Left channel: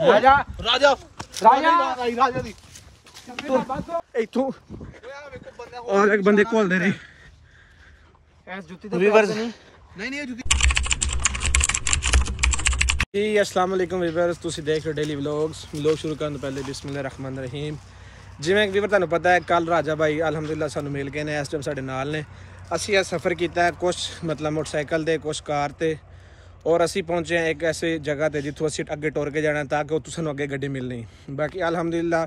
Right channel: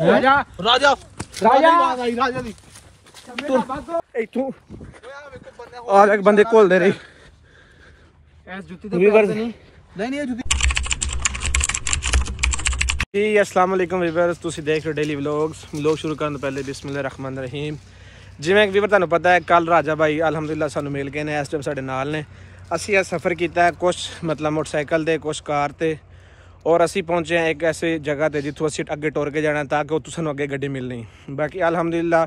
राजा राजा राजा इथों और एक बंदे खोल दे रही अस्सलाम वालेकुम वीवर्स, तुसी देख रहे हो डेली व्लॉग्स। व्लॉग शुरू करने तो पहले बिस्मिल्लाह रहमान रहीम। जिवें वीवर तुहानू पता है कल राजा भाई अलहमदुलिल्लाह सानू मिल गए ने। इस टाइम साडे नाल ने। असी यह सफ़र किया है कुछ मतलब मोटरसाइकिल ते कुछ कार ते, और असी पहुंचे हैं एक ऐसी जगह ते जिथों असी अगे टुर के जाना ताकि उत्थों सानू अगे गड्डी मिलनी। बाकी अलहमदुलिल्लाह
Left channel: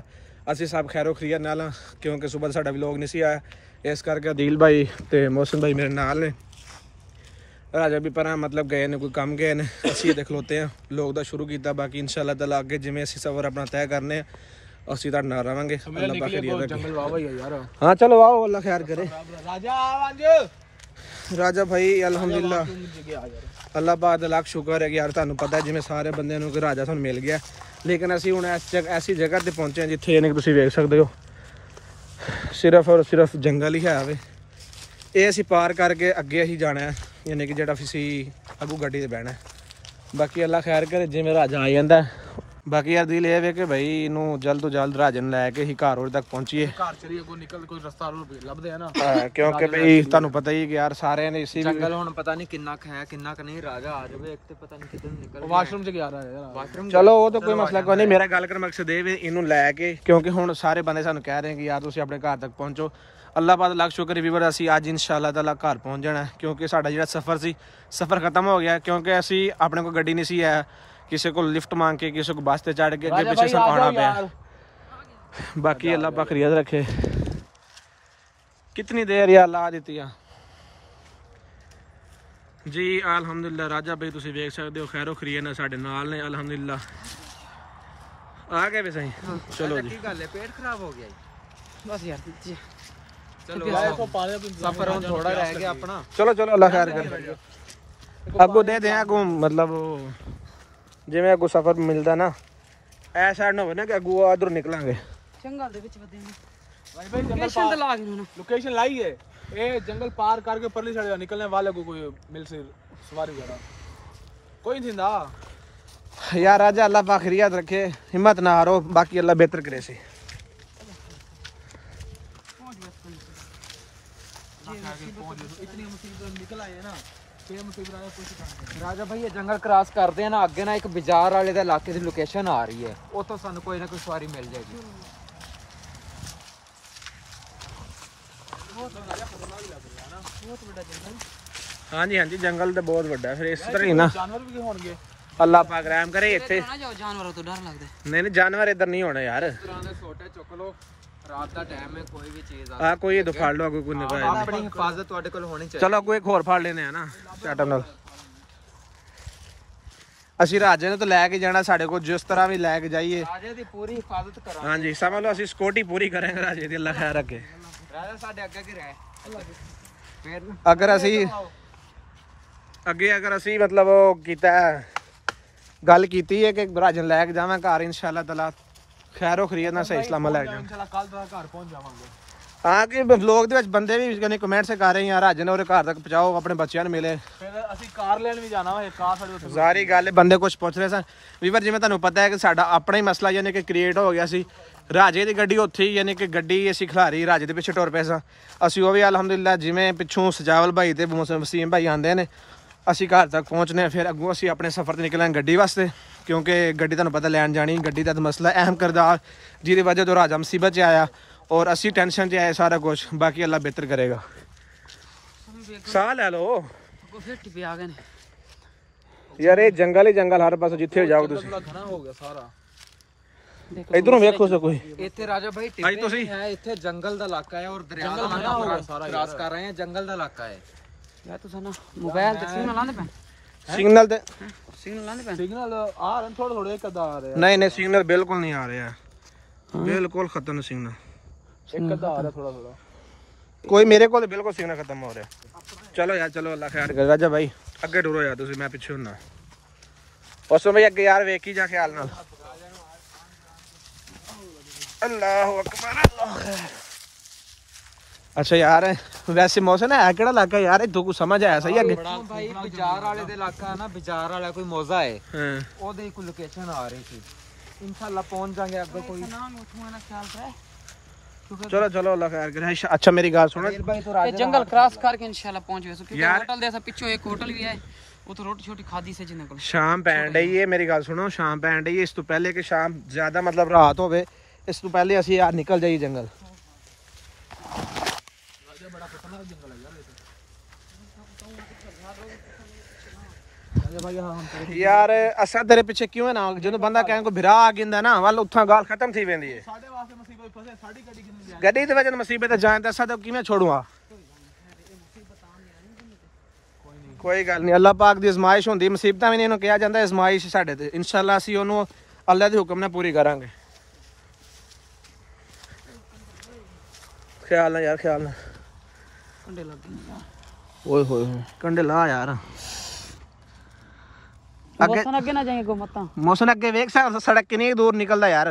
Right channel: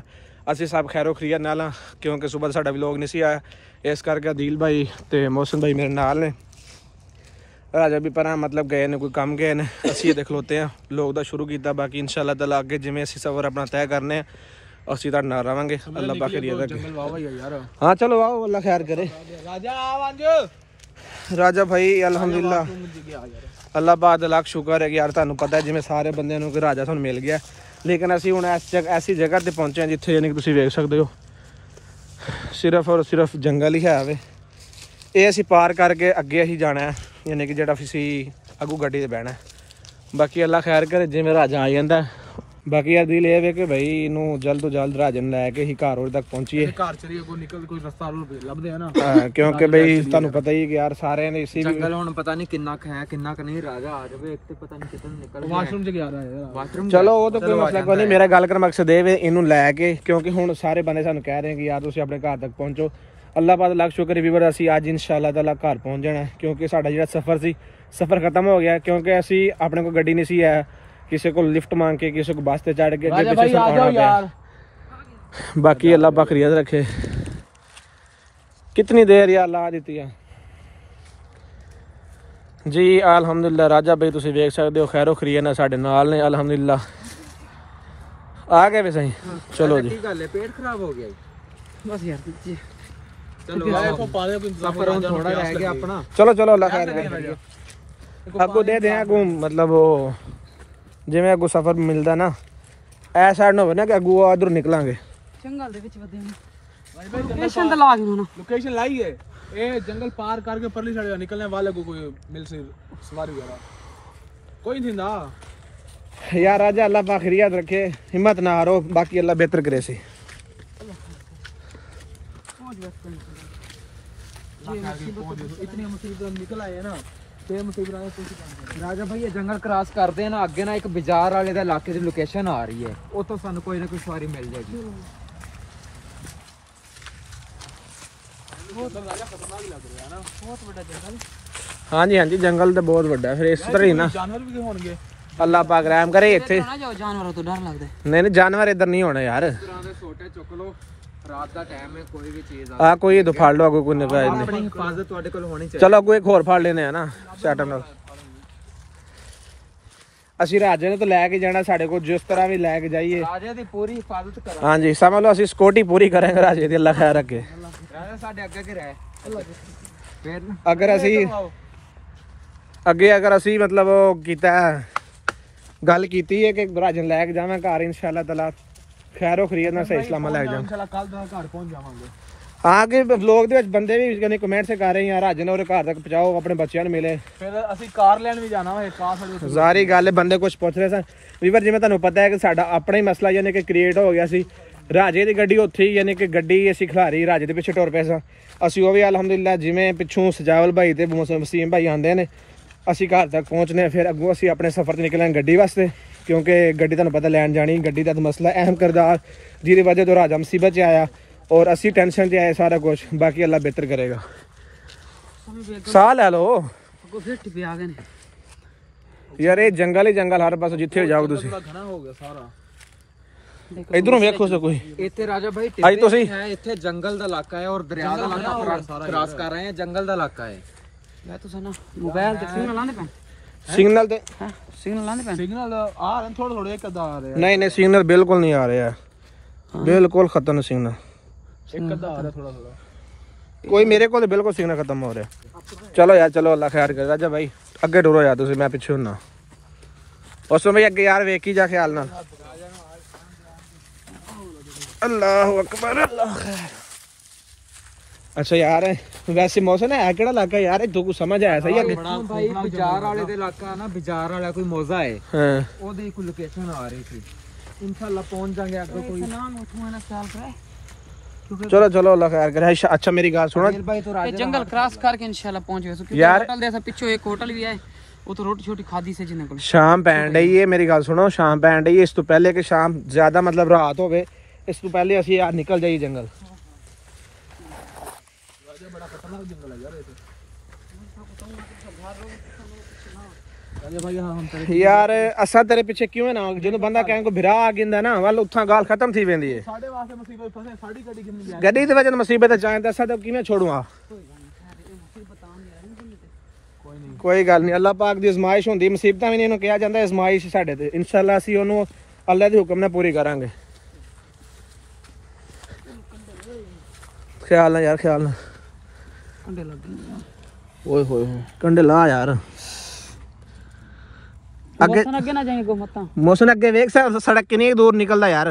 असी सब खैरो खरीत नाल, क्योंकि सुबह साडा व्लॉग नहीं सी आया, इस करके अदील भाई ते मोहसिन भाई मेरे नाल ने। राजा भी पर मतलब गए ने, कोई कम गए ने। असी ये खलोते हैं लोग दा शुरू किया। बाकी इंशाल्लाह ताला अगे जिवें असी सफ़र अपना तय करने असी तुहाडे नाल रहांगे। अल्लाह पाक खैरियत। हाँ चलो आओ, अल्लाह खैर करे। राजा भाई अलहमदुलिल्लाह अल्लाह पाक दा लाख शुक्र है कि यार तुहानू पता है जिवें सारे बंदे नूं कि राजा सानू मिल गया, लेकिन असी हुण ऐसी जगह ते पहुंचे हैं जिथे यानी कि तुसीं वेख सकदे हो सिर्फ और सिर्फ जंगल ही है वे। ये असी पार करके अगे असी जाना है, यानी कि जेड़ा असी अगू गड्डी ते बहना है। बाकी अल्लाह खैर करे जिवें राजा आ जांदा है। बाकी यार दिल ये वे कि भाई इनू जल्द तो जल्द राजे नूं लैके ही घर तक पहुंचीए। घर चलिए अगों निकल कोई रास्ता लभदे है ना, क्योंकि भाई तुहानू पता ही कि यार सारे ने इसी जंगल हुण पता नहीं किन्ना है किन्ना नहीं। राजा आ जावे एक ते पता नहीं किधर निकल वाशरूम च गया है वाशरूम। चलो वो तो कोई मसला कोई नहीं, मेरा गल करन मकसद ये वे इनू लैके, क्योंकि हुण सारे बंदे सानू कह रहे हैं कि यार तुसीं अपने घर तक पहुंचो। अल्लाह पाक लाख शुक्र वीवर असी अज इंशाअल्लाह ताला घर पहुंच जाना, क्योंकि साडा जिहड़ा सफ़र सी सफ़र खत्म हो गया। क्योंकि असी अपने को गड्डी नहीं सी है, किसी को लिफ्ट मांग के किसी को बस से चढ़ के अगे पीछे आना पाया। बाकी अल्लाह पाक खैरियत रखे। कितनी देर यार ला दी जी। अल्हम्दुलिल्लाह राजा भाई तुसीं वेख सकदे हो खैरो खैरियत ना साडे नाल ने। अल्हम्दुलिल्लाह आ गए वे सही। चलो जी, पेट खराब हो गया बस यार। चलो सफर थोड़ा रह गया अपना। चलो चलो अल्लाह खैर करे। अगू दे दें अगू मतलब वो जिवें अगू सफर मिलता ना ऐ साइड ना हो ना कि अगू उधर निकलांगे। जंगल दे विच वदे ना लोकेशन तो ला के लोकेशन लाई है। ए जंगल पार करके परली साइड निकलने वालों को कोई मिल से सवारी वाला कोई नहीं ना यार। राजा अल्लाह पाक खैरियत रखे, हिम्मत ना हारो। बाकी अल्लाह बेहतर करे सी। इतनी मुसीबत निकल आए है ना, राजा भाई ये जंगल क्रॉस करते हैं ना अगे ना एक बाजार वाले दा इलाके दी लोकेशन आ रही है, उतो सानू कोई ना कोई सवारी मिल जाएगी। हाँ जी हाँ जी, जंगल तो बहुत बड़ा है। फिर इस तरह ही ना जानवर भी होंगे। अल्लाह पाक रहम करे। इत्थे जानवरों तो डर लगदा है। नहीं नहीं जानवर इधर नहीं होना यार। छोटे चुक लो, रात का टाइम है, कोई भी चीज आ कोई तो फाड़ लो, कोई निकाल नहीं। अपनी हिफाजत ਤੁਹਾਡੇ ਕੋਲ ਹੋਣੀ ਚਾਹੀਦੀ। चलो कोई एक होर फाड़ लेने हैं ना चाटा नाल। ਅਸੀਂ ਰਾਜੇ ਨੇ ਤਾਂ ਲੈ ਕੇ ਜਾਣਾ, ਸਾਡੇ ਕੋਲ जिस तरह भी ਲੈ ਕੇ ਜਾਈਏ ਰਾਜੇ ਦੀ ਪੂਰੀ हिफाजत ਕਰਾਂਗੇ। हाँ जी समझ लो ਅਸੀਂ सिक्योरिटी पूरी करेंगे ਰਾਜੇ ਦੀ। अल्लाह खैर रखे। ਰਾਜਾ ਸਾਡੇ ਅੱਗੇ ਕਿ ਰਹੇ फिर अगर ਅਸੀਂ ਅੱਗੇ ਅਗਰ ਅਸੀਂ मतलब ਉਹ ਕੀਤਾ ਗੱਲ ਕੀਤੀ ਹੈ ਕਿ ਰਾਜੇ ਲੈ ਕੇ ਜਾਵਾਂ घर इंशाअल्लाह ताला खैरो खैरियत ना सही सलामत लग जाए। इंशाल्लाह कल तक घर पहुंच जावांगे। हां के लोग दे विच बंदे भी कने कमेंट से कर रहे हैं यार राजे ने और घर तक पहुंचाओ, अपने बच्चों ने मिले। फिर असि कार लेन भी जाना है, कार साडी जारी गल है। बंदे कुछ पूछ रहे सन वीवर, जिवें तुहानू पता है कि साडा अपना ही मसला यानी कि क्रिएट हो गया सी। राजे दी गड्डी उत्थे ही यानी कि गड्डी असी खिलारी राजे दे पिछे टुर पे सा। असी वो भी अलहमदुलिल्लाह जिवें पिछों सजावल भाई ते वसीम भाई आंदे ने असी घर तक पहुंचने। फिर अगों असी अपने सफर ते निकलांगे गड्डी वास्ते, क्योंकि गड्डी तुहानू पता लैन जानी। गड्डी दा मसला अहम किरदार जिहदी वजह तो राजा मुसीबत च आया और असी टेंशन च आए सारा कुछ। बाकी अल्लाह बेहतर करेगा। साह लै लो यार, ये जंगल ही जंगल हर पास जिथे जाओ तुसीं। इधरों वेखो सब कोई इत्थे राजा भाई आई तुसीं इत्थे जंगल दा इलाका है और दरिया दा इलाका क्रॉस कर रहे हैं। जंगल दा इलाका है यार। तुसीं ना मोबाइल ते सिग्नल लांदे पे सिग्नल दे सिग्नल लाने पे सिग्नल आ थोड़ा थोड़ा एक अदा आ रहे हैं। नहीं नहीं सिग्नल बिल्कुल नहीं आ रहे हैं, बिल्कुल खत्म है सिग्नल। एक अदा आ रहा थोड़ा थोड़ा कोई मेरे को तो बिल्कुल सिग्नल खत्म हो रहा है। चलो यार चलो अल्लाह खैर करे। राजा भाई अगे टुरो यार तुसीं, मैं पीछे होना। उसमें भाई अगे यार वेखी जा ख्याल नाल। अल्लाहु अकबर अल्लाह खैर। अच्छा यार वैसे मौसम है केड़ा इलाका यार, इधर कुछ समझ आया सही है भाई। बाजार वाले दे इलाका ना, बाजार वाला कोई मौजा है। हां ओदे कोई लोकेशन आ रही थी। इंशाल्लाह पहुंच जाएंगे अगर कोई चलो चलो अल्लाह खैर करे। अच्छा मेरी गल सुनो, जंगल क्रॉस करके इंशाल्लाह पहुंच गए। यार होटल जैसा पीछे एक होटल भी है, वो तो रोटी छोटी खादी से जिन्हें को शाम पैन डई है। मेरी गल सुनो, शाम पैन डई है। इस तो पहले कि शाम ज्यादा मतलब रात होवे, इस तो पहले असि यार निकल जाइए जंगल। बड़ा खतरनाक जंगल है यार ये तो। यार असा तेरे पीछे क्यों है ना, जो बंदा कहें को भिरा आ गिंदा ना वाल उठा गाल खत्म थी वेंदी है। साडे वास्ते मुसीबत फसे, साडी गड्डी किन्नी जाए, गड्डी ते वजन मुसीबत जाए तो असा तो किवें छोड़ूंगा। कोई गल नहीं, अल्लाह पाक दी आजमाइश होंदी, मुसीबतां भी नहीं इन्हूं कहा जांदा, आजमाइश साडे ते। इंशाअल्लाह असी ओनू अल्लाह दे हुक्म नाल पूरी करांगे। ख्याल ना यार, ख्याल ना। कंडे लग गए। ओए होए कंडे ला यार। अगे अगे ना जाएंगे मत मौसम अगे वेख सड़क कितनी दूर निकलदा यार।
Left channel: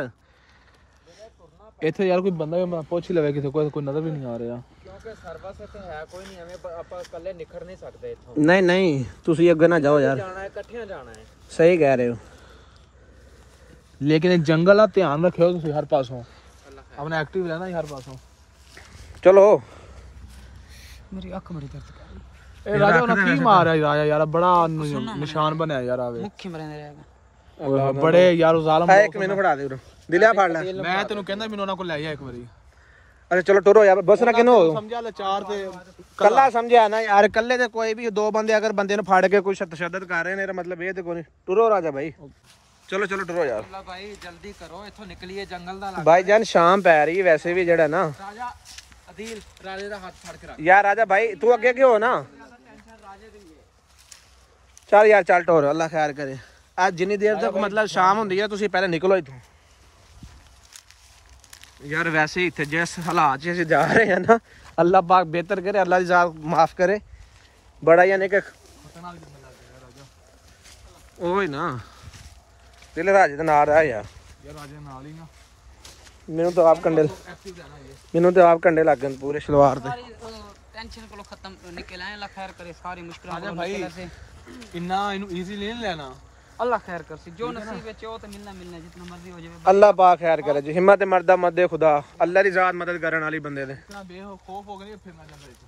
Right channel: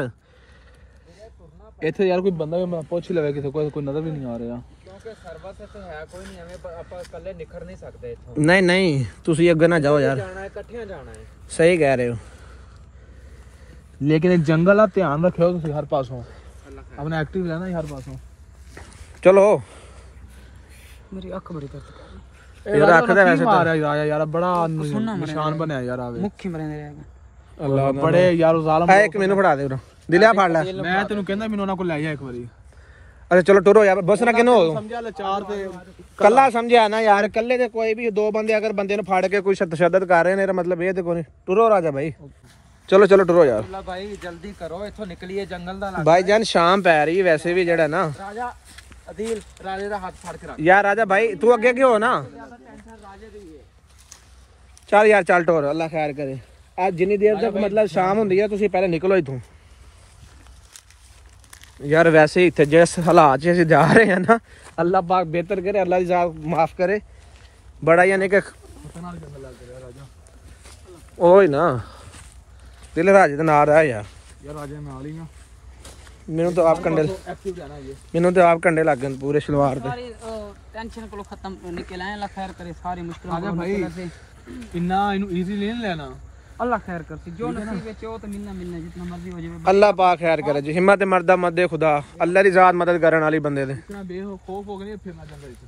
इथे यार कोई बंदा भी मैं पूछ लवे कि कोई नजर भी नहीं आ रहा। सर्विस इथे है कोई नहीं, हमें ਆਪਾਂ ਇਕੱਲੇ ਨਿਕਲ नहीं सकते इथों। नहीं नहीं ਤੁਸੀਂ ਅੱਗੇ ना जाओ यार, जाना है इकट्ठे जाना है। सही कह रहे हो, लेकिन एक जंगल आ, ध्यान रखियो तुम हर पासों, अपने एक्टिव रहना हर पासों। चलो मेरी अख बड़ी दर्द कर ये रखदा वैसे मार आया यार, बड़ा निशान बनया यार आवे मुख्य मरे रहेगा बड़े यार जालम। एक मैनू फड़ा दे दिलिया फाड़ ले। मैं तेनू कहंदा मैनू ना को ले जा एक बारी। अरे चलो टुरो यार, बस ना किनो समझा ले चार ते कल्ला समझा ना यार, कल्ले ते कोई भी दो बंदे अगर बंदे ने फाड़ के कोई तशद्दद कर रहे ने मतलब ये ते कोई टुरो राजा भाई। चलो चलो टुरो यार भाई, जल्दी करो इथों निकलिए जंगल दा इलाका। भाई जान शाम पै रही है वैसे भी जेड़ा ना। राजा अदील राजे दा हाथ फड़ के रख यार राजा भाई तू अगे क्यों हो ना। चल यार चल टोर, अल्लाह खैर करे। आज जिन्नी देर तक मतलब शाम हुंदी है तुसी पहले निकलो इथों यार। वैसे ही इत्थे जिस हालात च असीं जा रहे हैं ना, अल्लाह पाक बेहतर करे, अल्लाह दी जात माफ करे। बड़ा यानी कि खतरनाक जंगल लग रहा राजा। ओए ना दिल राजे दा नाम रहा यार। राजे नाल ही ना मैनू तो आप कंडे एक्टिव रहना ये। मैनू तो आप कंडे लग गए पूरे शलवार दे। सारी टेंशन को खत्म निकल आए। अल्लाह खैर करे सारी मुश्किलों राजा भाई इन्ना इनु इजी ले लेना। अल्लाह खैर कर सी, जो नसीब है वो तो मिलना मिलना, जितना मर्जी हो जाए। अल्लाह पाक खैर करे जी। हिम्मत मर्दा मत दे खुदा, अल्लाह दी जात मदद करन वाली बंदे दे। इतना बेखौफ हो गए फिर ना जंगल च।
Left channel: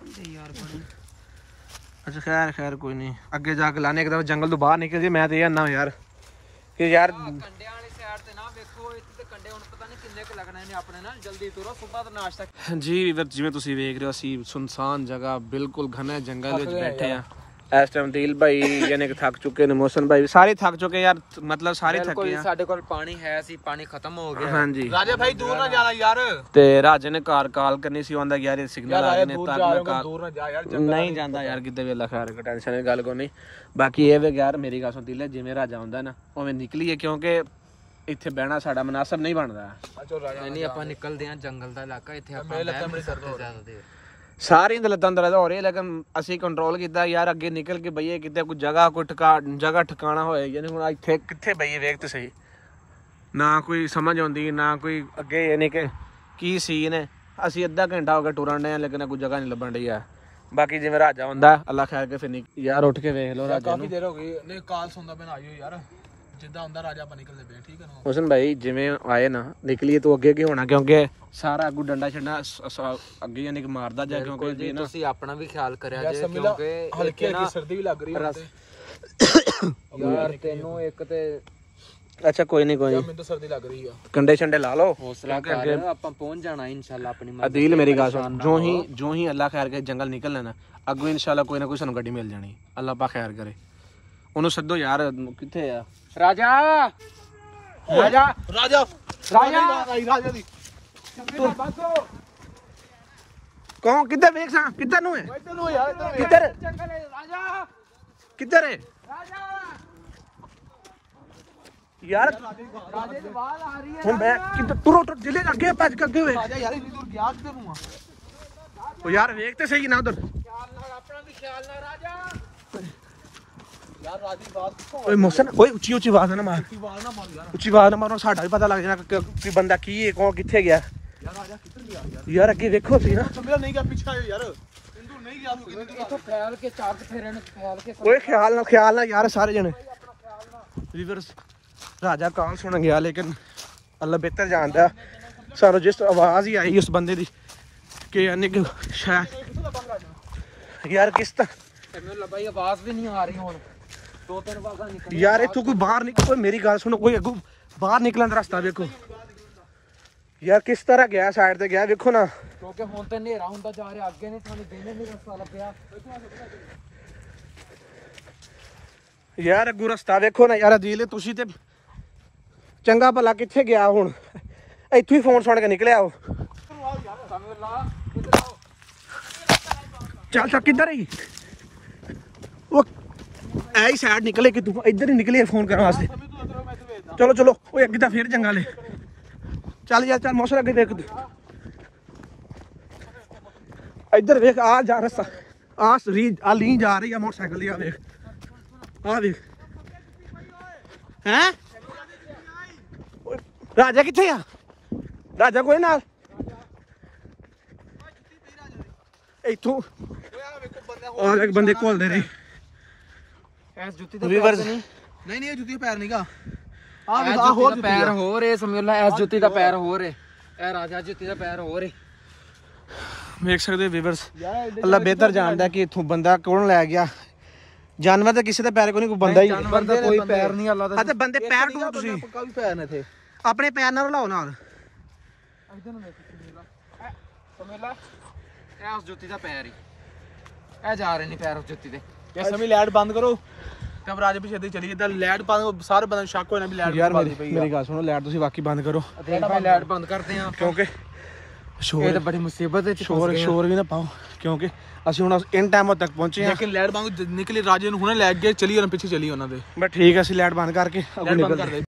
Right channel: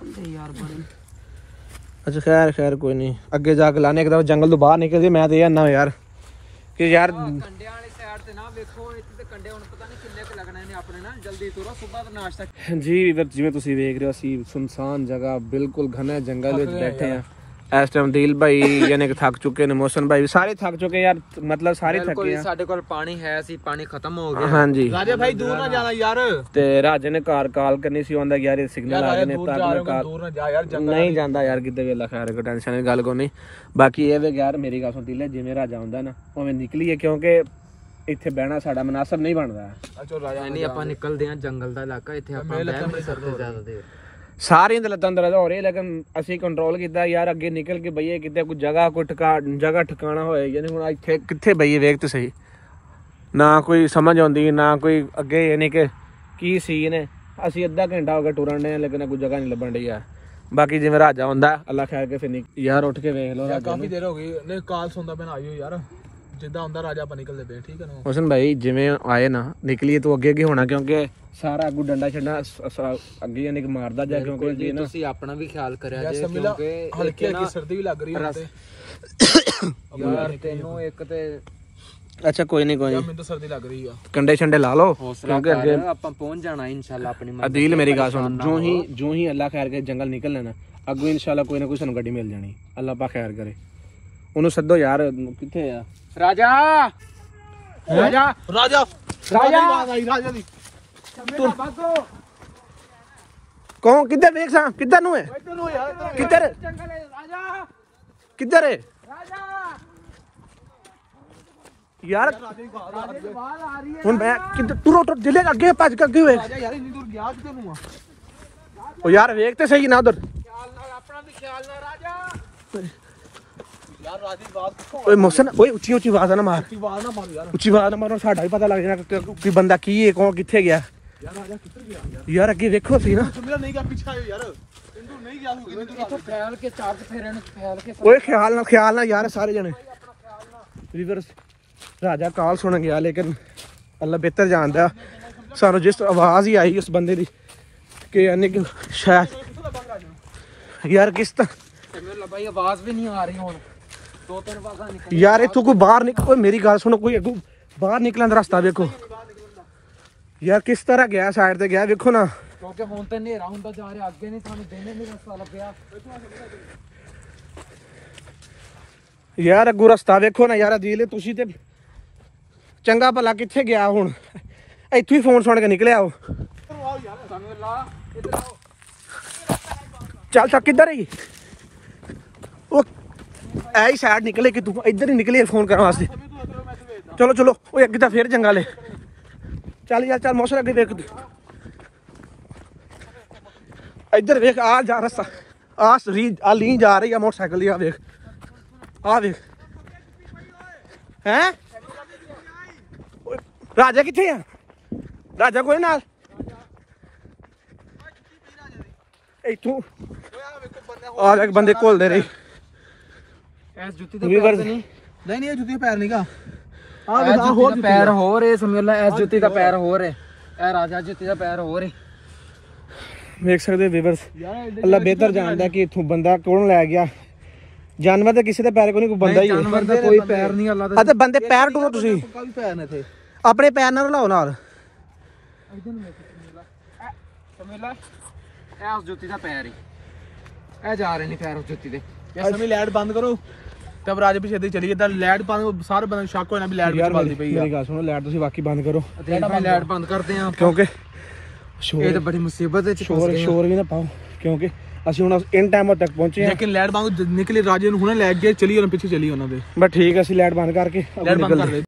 कंडे यार बड़े। अच्छा खैर खैर कोई नहीं, अगे जाके लाने एक दफा जंगल तो बाहर निकल गए। मैं तो ना यार कि यार कंडे वाली साइड ते ना देखो, इत्ते कंडे हुन पता नहीं किन्ने क लगने ने अपने ना। जल्दी तुरो, सुबह तो नाश्ता जी। जिवें तुसीं वेख रहे हो असीं सुनसान जगह बिल्कुल घने जंगल विच बैठे हैं इस टाइम। दिल भाई यानी कि थक चुके ने, मोहसिन भाई सारे थक चुके यार, मतलब सारे थके हैं। ਸਾਡੇ ਕੋਲ ਪਾਣੀ ਹੈ ਸੀ, ਪਾਣੀ ਖਤਮ ਹੋ ਗਿਆ। हाँ जी राजा भाई दूर ना जाना यार। ते राजे ने कार कॉल करनी सी, आंदा यार सिग्नल आ गए ने तब मैं कॉल दूर ना जा यार जंगल नहीं जांदा यार किते भी। अल्लाह खैर को टेंशन दी गल कोई नहीं। बाकी ये वे यार मेरी गल सुन दिले, जिवें राजा हुंदा ना उवें निकलीए, क्योंकि ਇੱਥੇ ਬਹਿਣਾ ਸਾਡਾ ਮਨਾਸਬ ਨਹੀਂ ਬਣਦਾ। ਨਹੀਂ ਆਪਾਂ ਨਿਕਲਦੇ ਆ ਜੰਗਲ ਦਾ ਇਲਾਕਾ, ਇੱਥੇ ਆਪਾਂ ਬਹਿ ਨਹੀਂ ਸਕਦੇ ਜ਼ਿਆਦਾ ਦੇਰ। ਸਾਰਿਆਂ ਦੇ ਲੱਤਾਂ ਦਰਦ ਹੋ ਰਹੀ, ਲੇਕਿਨ ਅਸੀਂ ਕੰਟਰੋਲ ਕੀਤਾ ਯਾਰ। ਅੱਗੇ ਨਿਕਲ ਕੇ ਬਈਏ ਕਿਤੇ ਕੋਈ ਜਗ੍ਹਾ ਕੋਈ ਜਗ੍ਹਾ ਠਿਕਾਣਾ ਹੋਏ। ਯਾਨੀ ਹੁਣ ਇੱਥੇ ਕਿੱਥੇ ਬਈਏ ਵੇਖ ਤੇ ਸਹੀ, ਨਾ ਕੋਈ ਸਮਝ ਆਉਂਦੀ ਨਾ ਕੋਈ ਅੱਗੇ ਯਾਨੀ ਕਿ ਕੀ ਸੀਨ ਹੈ। ਅਸੀਂ ਅੱਧਾ ਘੰਟਾ ਹੋ ਗਿਆ ਟੁਰਨ ਦੇ, ਲੇਕਿਨ ਕੋਈ ਜਗ੍ਹਾ ਨਹੀਂ ਲੱਭਣ ਡਈ ਆ। ਬਾਕੀ ਜਿਵੇਂ ਰਾਜਾ ਹੁੰਦਾ ਅੱਲਾ ਖੈਰ ਕੇ ਫਿਰ ਯਾਰ ਉੱਠ ਕੇ ਵੇਖ ਲਓ ਰਾਜਾ ਕਾਫੀ ਦੇਰ ਹੋ ਗਈ ਨੇ ਕਾਲ ਸੁਣਦਾ ਮੈਂ ਆਇਓ ਯਾਰ। ਜਿੱਦਾਂ ਹੁੰਦਾ ਰਾਜਾ ਆਪਾਂ ਨਿਕਲਦੇ ਪਏ, ਠੀਕ ਹੈ ਨਾ ਹੁਸਨ ਭਾਈ। ਜਿਵੇਂ ਆਏ ਨਾ ਨਿਕਲੀਏ ਤੂੰ ਅੱਗੇ ਕੀ ਹੋਣਾ, ਕਿਉਂਕਿ ਸਾਰਾ ਅੱਗੂ ਡੰਡਾ ਛੱਡਣਾ ਅੱਗੇ ਯਾਨੀ ਕਿ ਮਾਰਦਾ ਜਾ, ਕਿਉਂਕਿ ਜੀ ਨਾ ਤੁਸੀਂ ਆਪਣਾ ਵੀ ਖਿਆਲ ਕਰਿਆ ਜੇ, ਕਿਉਂਕਿ ਹਲਕੀ ਹਲਕੀ ਸਰਦੀ ਵੀ ਲੱਗ ਰਹੀ ਹੈ ਯਾਰ ਤੈਨੂੰ ਇੱਕ ਤੇ। ਅੱਛਾ ਕੋਈ ਨਹੀਂ ਕੋਈ ਮੈਨੂੰ ਤਾਂ ਸਰਦੀ ਲੱਗ ਰਹੀ ਆ। ਕੰਡੇ ਛੰਡੇ ਲਾ ਲਓ, ਕਿਉਂਕਿ ਅੱਗੇ ਆਪਾਂ ਪਹੁੰਚ ਜਾਣਾ ਇਨਸ਼ਾਅੱਲਾ ਆਪਣੀ ਮੰਜ਼ਿਲ। ਅਦੀਲ ਮੇਰੀ ਗੱਲ ਸੁਣ, ਜੋ ਹੀ ਅੱਲਾ ਖੈਰ ਕਰੇ ਜੰਗਲ ਨਿਕਲ ਲੈਣਾ ਅੱਗੋਂ ਇਨਸ਼ਾਅੱਲਾ ਕੋਈ ਨਾ ਕੋਈ ਸਾਨੂੰ ਗੱਡੀ ਮਿਲ ਜਾਣੀ। ਅੱਲਾ ਪਾ ਖੈਰ ਕਰੇ। ਉਹਨੂੰ ਸੱਦੋ ਯਾਰ, ਕਿੱਥੇ ਆ ਰਾਜਾ? ਰਾਜਾ ਰਾਜਾ ਰਾਜਾ ਰਾਜਾ ਦੀ ਕੌਣ ਕਿੱਧਰ ਵੇਖ ਸਾਂ, ਕਿੱਧਰ ਨੂੰ ਹੈ ਤੈਨੂੰ ਯਾਰ ਕਿੱਧਰ ਰਾਜਾ ਕਿੱਧਰ ਹੈ ਰਾਜਾ ਯਾਰ? ਰਾਜੇ ਦੀ ਆਵਾਜ਼ ਆ ਰਹੀ ਹੈ। ਹੁਣ ਮੈਂ ਕਿੱਧਰ ਤੁਰੋ ਟੁਰ ਜਿਲੇ ਅੱਗੇ ਭੱਜ ਕੇ ਅੱਗੇ ਹੋਏ ਯਾਰ ਇੰਨੀ ਦੂਰ ਗਿਆ ਕਿੱਧਰ ਨੂੰ ਆ? ਉਹ ਯਾਰ ਵੇਖ ਤੇ ਸਹੀ ਨਾ ਉਧਰ। ਆਪਣਾ ਵੀ ਖਿਆਲ ਨਾਲ ਰਾਜਾ। ਯਾਰ ਰਾਜੀ ਬਾਤ ਓਏ ਮੋਹਸਨ ਓਏ ਉੱਚੀ ਉੱਚੀ ਆਵਾਜ਼ ਨਾ ਮਾਰ, ਆਵਾਜ਼ ਨਾ ਮਾਰ ਯਾਰ। ਉੱਚੀ ਆਵਾਜ਼ ਨਾ ਮਾਰੋ, ਸਾਡਾ ਵੀ ਪਤਾ ਲੱਗ ਜਾਣਾ ਕਿ ਕੋਈ ਬੰਦਾ ਕੀ ਹੈ, ਕੌਣ ਕਿੱਥੇ ਗਿਆ। ਯਾਰ ਰਾਜਾ ਕਿੱਧਰ ਗਿਆ ਯਾਰ ਅੱਗੇ ਵੇਖੋ ਸੀ ਨਾ। ਸਮਝੋ ਨਹੀਂ ਗਿਆ, ਪਿੱਛੇ ਆਇਓ ਯਾਰ। ਇੰਦੂ ਨਹੀਂ ਗਿਆ ਤੂੰ ਕਿੰਨੀ ਦੂਰ ਆ? ਖਿਆਲ ਕੇ ਚਾਕ ਫੇਰਨ ਖਿਆਲ ਕੇ। ਓਏ ਖਿਆਲ ਨਾਲ ਯਾਰ ਸਾਰੇ ਜਣੇ। ਵੀਵਰਸ ਰਾਜਾ ਕਾਲ ਸੁਣ ਗਿਆ, ਲੇਕਿਨ ਅੱਲਾ ਬਿਹਤਰ ਜਾਣਦਾ। ਸਾਨੂੰ ਜਿਸ ਆਵਾਜ਼ ਹੀ ਆਈ ਉਸ ਬੰਦੇ ਦੀ ਕਿ ਅਨਿਕ ਸ਼ਾਇਦ ਯਾਰ ਕਿਸ ਤਰ੍ਹਾਂ ਭਾਈ ਆਵਾਜ਼ ਵੀ ਨਹੀਂ ਆ ਰਹੀ ਹੁਣ। ਯਾਰ ਇੱਥੋਂ ਕੋਈ ਬਾਹਰ ਨਿਕਲ, ਮੇਰੀ ਗੱਲ ਸੁਣੋ, ਕੋਈ ਅੱਗੋਂ ਬਾਹਰ ਨਿਕਲਣ ਦਾ ਰਸਤਾ ਵੇਖੋ ਯਾਰ, ਕਿਸ ਤਰ੍ਹਾਂ ਗਿਆ ਸਾਈਡ ਤੇ ਗਿਆ ਵੇਖੋ ਨਾ, ਕਿਉਂਕਿ ਹੁਣ ਤੇ ਹਨੇਰਾ ਹੁੰਦਾ ਜਾ ਰਿਹਾ, ਅੱਗੇ ਨੇ ਤੁਹਾਨੂੰ ਦਿਨ ਹੀ ਨਹੀਂ ਰਸਤਾ ਲੱਭਿਆ। ਯਾਰ ਅੱਗੋਂ ਰਸਤਾ ਵੇਖੋ ਨਾ ਯਾਰ, ਅਦੀਲ ਤੁਸੀਂ ਤੇ ਚੰਗਾ ਭਲਾ ਕਿੱਥੇ ਗਿਆ ਹੁਣ, ਇੱਥੇ ਹੀ ਫੋਨ ਸੁਣ ਕੇ ਨਿਕਲਿਆ ਉਹ। ਚੱਲ ਚੱਲ ਕਿੱਧਰ ਹੀ ਉਹ ਐ ਸਾਈਡ ਨਿਕਲੇ ਕਿ ਤੂੰ ਇੱਧਰ ਹੀ ਨਿਕਲੇ ਫੋਨ ਕਰਨ ਵਾਸਤੇ। ਚਲੋ ਚਲੋ ਉਹ ਅੱਗੇ ਤਾਂ ਫੇਰ ਜੰਗਲ ਏ। ਚੱਲ ਯਾਰ ਚੱਲ ਮੌਸਮ ਅੱਗੇ ਵੇਖ ਤੂੰ, ਇੱਧਰ ਵੇਖ ਆ ਜਾ ਰਸਤਾ, ਆ ਲੀ ਜਾ ਰਹੀ ਆ ਮੋਟਰਸਾਈਕਲ ਦੀ, ਆ ਵੇਖ ਆ ਵੇਖ। ਹੈਂ ਰਾਜਾ ਕਿੱਥੇ ਆ? ਰਾਜਾ ਕੋਈ ਨਾਲ ਇੱਥੋਂ ਆ ਜਾ ਬੰਦੇ ਘੁਲਦੇ ਰਹੇ। ਇਸ ਜੁੱਤੀ ਦੇ ਪੈਰ ਨਹੀਂ, ਨਹੀਂ ਇਹ ਜੁੱਤੀ ਪੈਰ ਨਹੀਂਗਾ, ਆਹ ਹੋਰ ਪੈਰ ਹੋਰ ਏ ਸਮਝ ਲੈ, ਇਸ ਜੁੱਤੀ ਦਾ ਪੈਰ ਹੋਰ ਏ, ਇਹ ਰਾਜਾ ਜੁੱਤੀ ਦਾ ਪੈਰ ਹੋਰ ਏ। ਵੇਖ ਸਕਦੇ ਵੀਵਰਸ, ਅੱਲਾ ਬਿਹਤਰ ਜਾਣਦਾ ਕਿ ਇੱਥੋਂ ਬੰਦਾ ਕੌਣ ਲੈ ਗਿਆ। ਜਾਨਵਰ ਤੇ ਕਿਸੇ ਦੇ ਪੈਰ ਕੋਈ ਨਹੀਂ, ਕੋਈ ਬੰਦਾ ਹੀ ਹੈ। ਜਾਨਵਰ ਦੇ ਕੋਈ ਪੈਰ ਨਹੀਂ ਅੱਲਾ ਦਾ। ਅਤੇ ਬੰਦੇ ਪੈਰ ਟੂਰੋ ਤੁਸੀਂ ਕਾਫੀ ਪੈਰ ਨੇ ਇੱਥੇ, ਆਪਣੇ ਪੈਰ ਨਾਲ ਲਾਓ ਨਾਲ। ਸਮੇਲਾ ਇਹ ਉਸ ਜੁੱਤੀ ਦਾ ਪੈਰ ਹੀ, ਇਹ ਜਾ ਰਹੇ ਨਹੀਂ ਪੈਰ ਉਸ ਜੁੱਤੀ ਦੇ। ਇਹ ਸਮੇਂ ਲਾਈਟ ਬੰਦ ਕਰੋ ਤਬ ਰਾਜ ਪਿੱਛੇ ਦੇ ਚਲੀ ਜਾਂਦਾ, ਲਾਈਟ ਬੰਦ ਸਾਰੇ ਬੰਦੇ ਨੂੰ ਸ਼ੱਕ ਹੋਣਾ ਵੀ ਲਾਈਟ ਬੰਦ ਪਈ ਆ। ਮੇਰੀ ਗੱਲ ਸੁਣੋ, ਲਾਈਟ ਤੁਸੀਂ ਵਾਕਈ ਬੰਦ ਕਰੋ, ਲਾਈਟ ਬੰਦ ਕਰਦੇ ਆ ਕਿਉਂਕਿ ਇਹ ਤਾਂ ਬੜੀ ਮੁਸੀਬਤ ਹੈ। ਸ਼ੋਰ ਵੀ ਨਾ ਪਾਓ, ਕਿਉਂਕਿ ਅਸੀਂ ਹੁਣ ਇਨ ਟਾਈਮ ਤੱਕ ਪਹੁੰਚੇ ਹਾਂ। ਲੇਕਿਨ ਲਾਈਟ ਬੰਦ ਨਿਕਲੀ, ਰਾਜੇ ਨੂੰ ਹੁਣੇ ਲੈ ਕੇ ਚਲੀ ਉਹਨਾਂ ਪਿੱਛੇ ਚਲੀ ਉਹਨਾਂ ਦੇ। ਬਸ ਠੀਕ ਹੈ, ਅਸੀਂ ਲਾਈਟ ਬੰਦ ਕਰਕੇ ਅੱਗੇ ਨਿਕਲ